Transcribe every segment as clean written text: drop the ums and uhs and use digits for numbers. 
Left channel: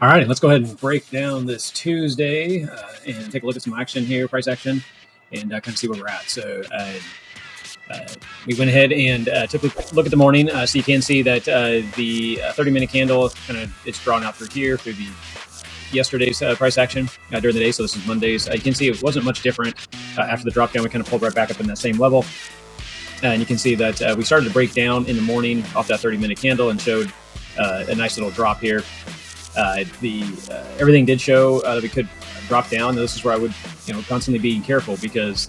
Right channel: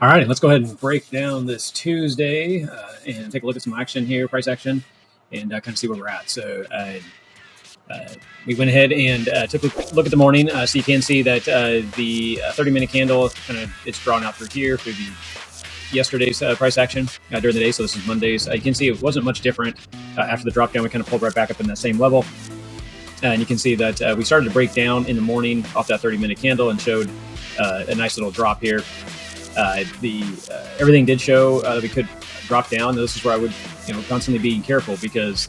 All right, let's go ahead and break down this Tuesday and take a look at some action here, price action, and kind of see where we're at. So we went ahead and took a look at the morning. So you can see that the 30-minute candle kind of it's drawn out through here through the yesterday's price action during the day. So this is Monday's. You can see it wasn't much different after the drop down. We kind of pulled right back up in that same level. And you can see that we started to break down in the morning off that 30-minute candle and showed a nice little drop here. Everything did show that we could drop down. This is where I would, constantly be careful because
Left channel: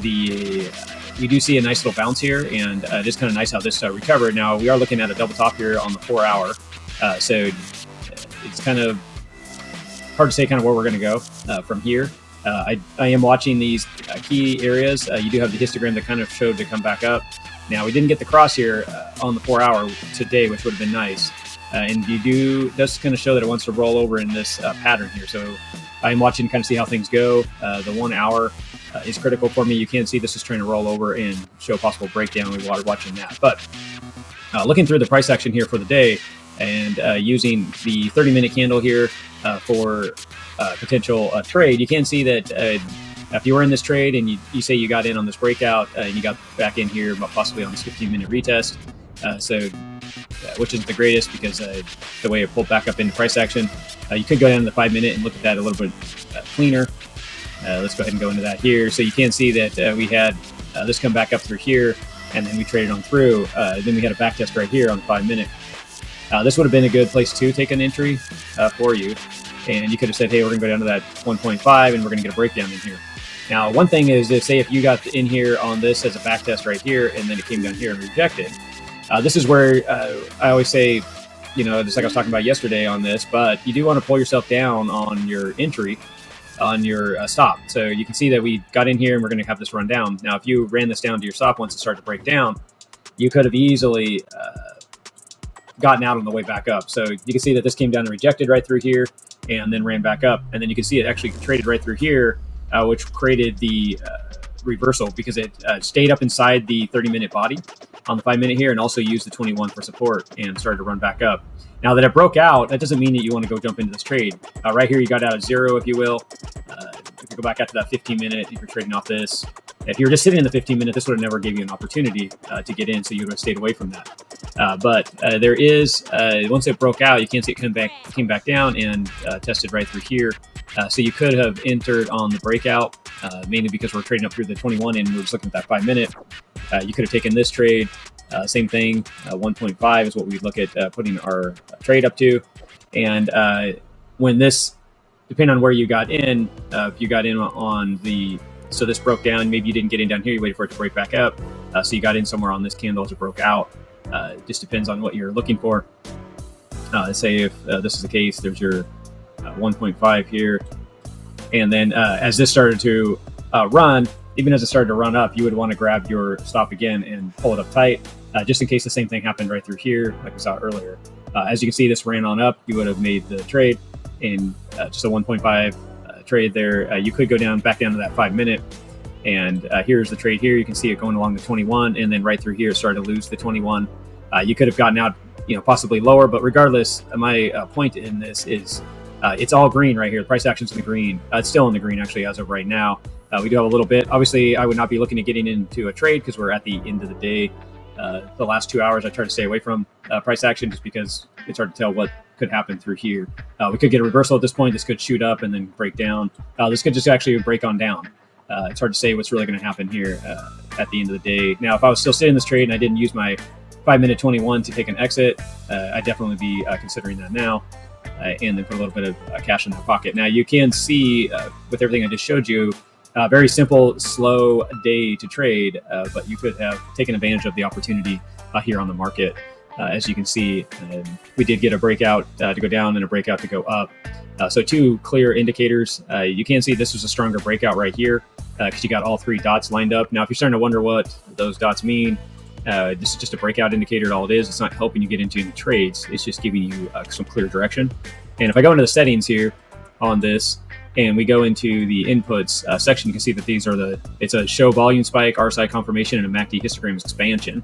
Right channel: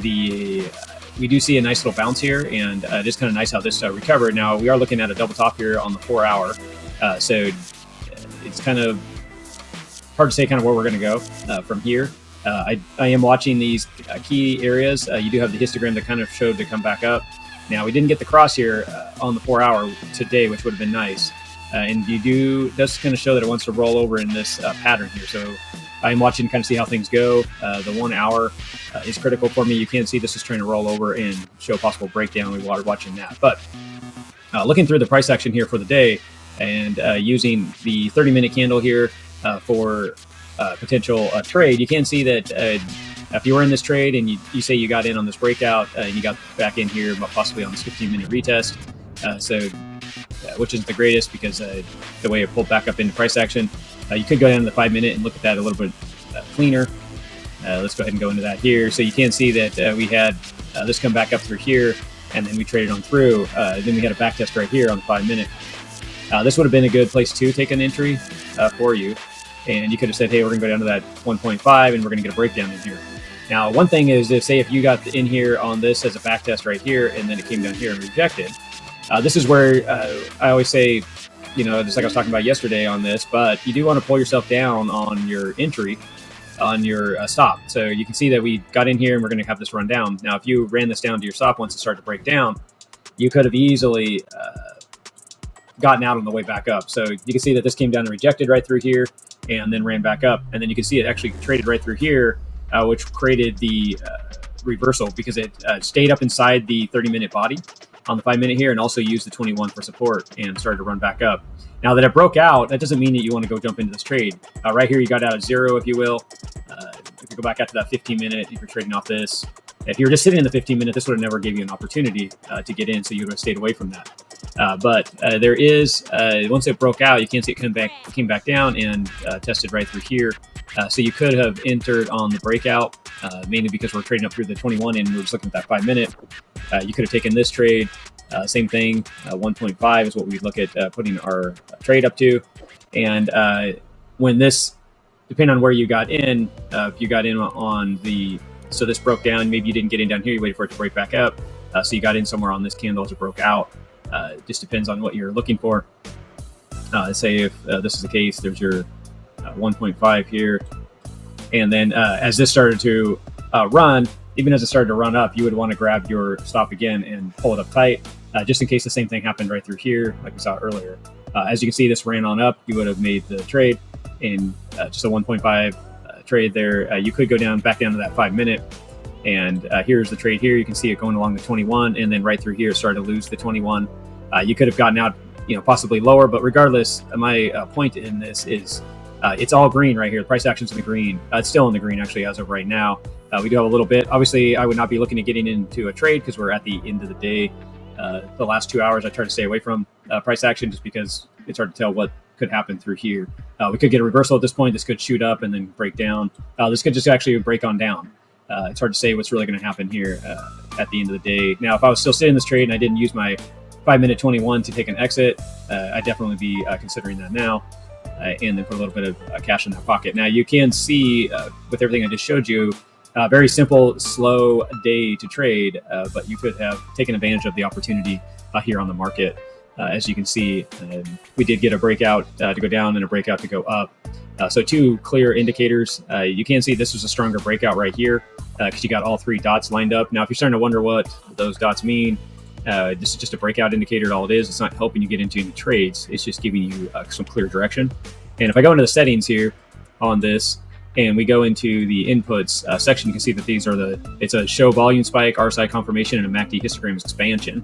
we do see a nice little bounce here, and it's kind of nice how this recovered. Now we are looking at a double top here on the 4-hour, so it's kind of hard to say kind of where we're going to go from here. I am watching these key areas. You do have the histogram that kind of showed to come back up. Now we didn't get the cross here on the 4-hour today, which would have been nice. And does kind of show that it wants to roll over in this pattern here. So I'm watching to kind of see how things go. The 1 hour is critical for me. You can see this is trying to roll over and show possible breakdown. We are watching that. But looking through the price action here for the day and using the 30-minute candle here for potential trade, you can see that if you were in this trade and you say you got in on this breakout and you got back in here and possibly on this 15-minute retest, which isn't the greatest because the way it pulled back up into price action. You could go down to the 5-minute and look at that a little bit cleaner. Let's go ahead and go into that here. So you can see that we had this come back up through here, and then we traded on through. Then we had a back test right here on the 5-minute. This would have been a good place to take an entry for you. And you could have said, hey, we're going to go down to that 1.5 and we're going to get a breakdown in here. Now, one thing is if you got in here on this as a back test right here, and then it came down here and rejected, this is where I always say, just like I was talking about yesterday on this, but you do want to pull yourself down on your entry, on your stop. So you can see that we got in here and we're going to have this run down. Now, if you ran this down to your stop once it started to break down, you could have easily gotten out on the way back up. So you can see that this came down and rejected right through here and then ran back up. And then you can see it actually traded right through here, which created the reversal because it stayed up inside the 30-minute body on the 5-minute here and also used the 21 for support and started to run back up. Now that it broke out, that doesn't mean that you want to go jump into this trade. Right here, you got out at 0, if you will. If you go back out to that 15-minute, if you're trading off this, if you were just sitting in the 15-minute, this would have never gave you an opportunity to get in, so you would have stayed away from that. But there is, once it broke out, you can see it came back down and tested right through here. So you could have entered on the breakout, mainly because we're trading up through the 21 and we're just looking at that 5-minute. You could have taken this trade, same thing, 1.5 is what we'd look at putting our trade up to. And when this, depending on where you got in, if you got in on so this broke down, maybe you didn't get in down here, you waited for it to break back up. So you got in somewhere on this candle as it broke out. It just depends on what you're looking for. Say if this is the case, there's your 1.5 here. And then as this started to run, even as it started to run up, you would want to grab your stop again and pull it up tight, just in case the same thing happened right through here, like we saw earlier. As you can see, this ran on up. You would have made the trade in just a 1.5 trade there. You could go back down to that 5-minute. And here's the trade here. You can see it going along the 21, and then right through here, it started to lose the 21. You could have gone up, possibly lower, but regardless, my point in this is it's all green right here. The price action's in the green. It's still in the green, actually, as of right now. We do have a little bit. Obviously, I would not be looking to get into a trade because we're at the end of the day. The last 2 hours, I try to stay away from price action just because it's hard to tell what could happen through here. We could get a reversal at this point. This could shoot up and then break down. This could just actually break on down. It's hard to say what's really going to happen here at the end of the day. Now, if I was still sitting in this trade and I didn't use my 5-minute 21 to take an exit, I'd definitely be considering that now and then put a little bit of cash in the pocket. Now, you can see with everything I just showed you, very simple, slow day to trade, but you could have taken advantage of the opportunity here on the market. As you can see, we did get a breakout to go down and a breakout to go up. So two clear indicators. You can see this was a stronger breakout right here because you got all 3 dots lined up. Now, if you're starting to wonder what those dots mean, this is just a breakout indicator. All it is, it's not helping you get into any trades. It's just giving you some clear direction. And if I go into the settings here on this, and we go into the inputs section, you can see that these are it's a show volume spike, RSI confirmation, and a MACD histogram expansion.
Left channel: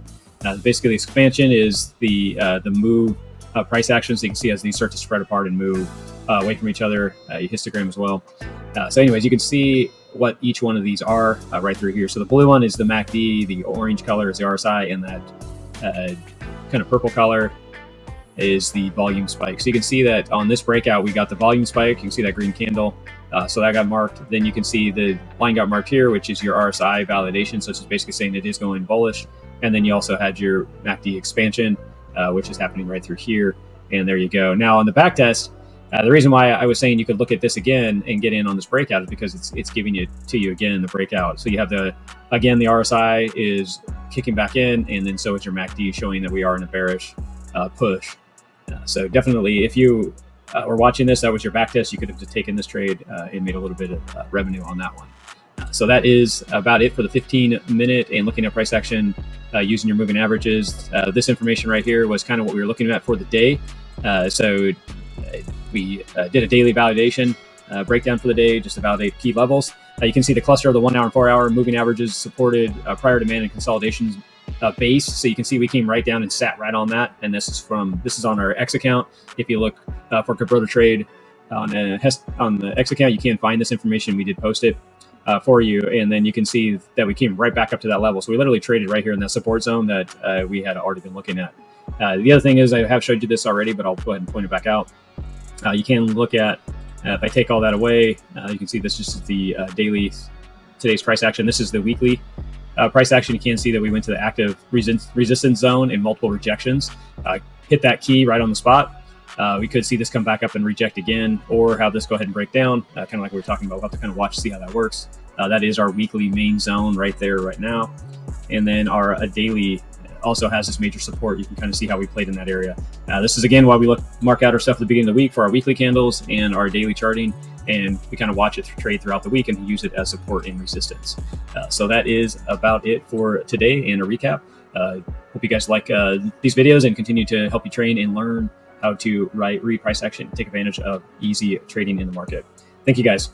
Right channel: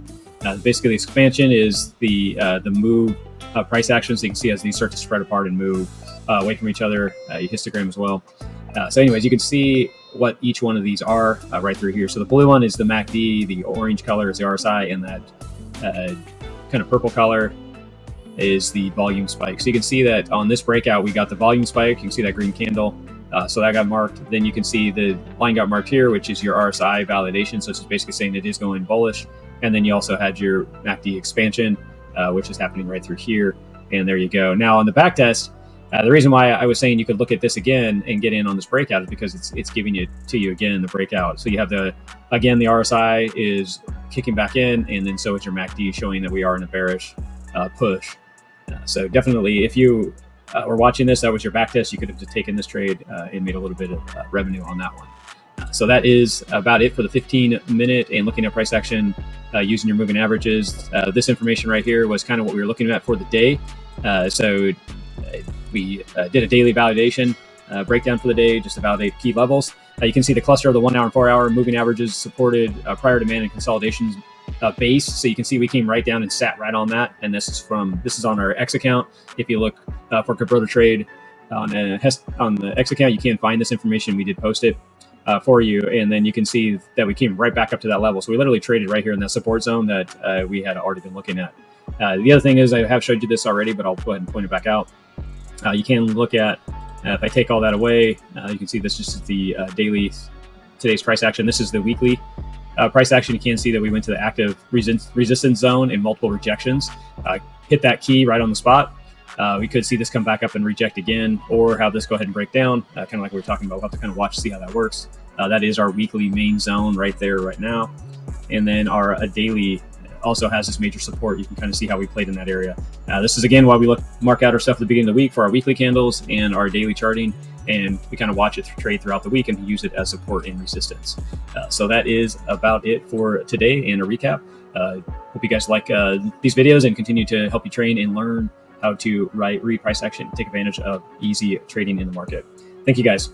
Basically, the expansion is the move price action. So you can see as these start to spread apart and move away from each other, histogram as well. So anyways, you can see what each one of these are right through here. So the blue one is the MACD, the orange color is the RSI, and that kind of purple color is the volume spike. So you can see that on this breakout, we got the volume spike. You can see that green candle. So that got marked. Then you can see the line got marked here, which is your RSI validation. So it's basically saying it is going bullish. And then you also had your MACD expansion, which is happening right through here. And there you go. Now on the backtest, the reason why I was saying you could look at this again and get in on this breakout is because it's giving it to you again, the breakout. So you have the RSI is kicking back in, and then so is your MACD, showing that we are in a bearish push. So definitely, if you were watching this, that was your backtest, you could have just taken this trade and made a little bit of revenue on that one. So that is about it for the 15-minute and looking at price action using your moving averages. This information right here was kind of what we were looking at for the day. So we did a daily validation breakdown for the day just to validate key levels. You can see the cluster of the 1 hour and 4 hour moving averages supported prior demand and consolidations base. So you can see we came right down and sat right on that. And this is on our X account. If you look for Kabroda Trade on the X account, you can find this information. We did post it for you, and then you can see that we came right back up to that level. So we literally traded right here in that support zone that we had already been looking at. The other thing is, I have showed you this already, but I'll go ahead and point it back out. You can look at, if I take all that away, you can see this is the daily, today's price action. This is the weekly price action. You can see that we went to the active resistance zone and multiple rejections. Hit that key right on the spot. We could see this come back up and reject again, or have this go ahead and break down, kind of like we were talking about. We'll have to kind of watch, see how that works. That is our weekly main zone right there, right now. And then our daily also has this major support. You can kind of see how we played in that area. This is again why we mark out our stuff at the beginning of the week for our weekly candles and our daily charting, and we kind of watch it trade throughout the week and use it as support and resistance. So that is about it for today and a recap. Hope you guys like these videos and continue to help you train and learn how to read price action, take advantage of easy trading in the market. Thank you guys.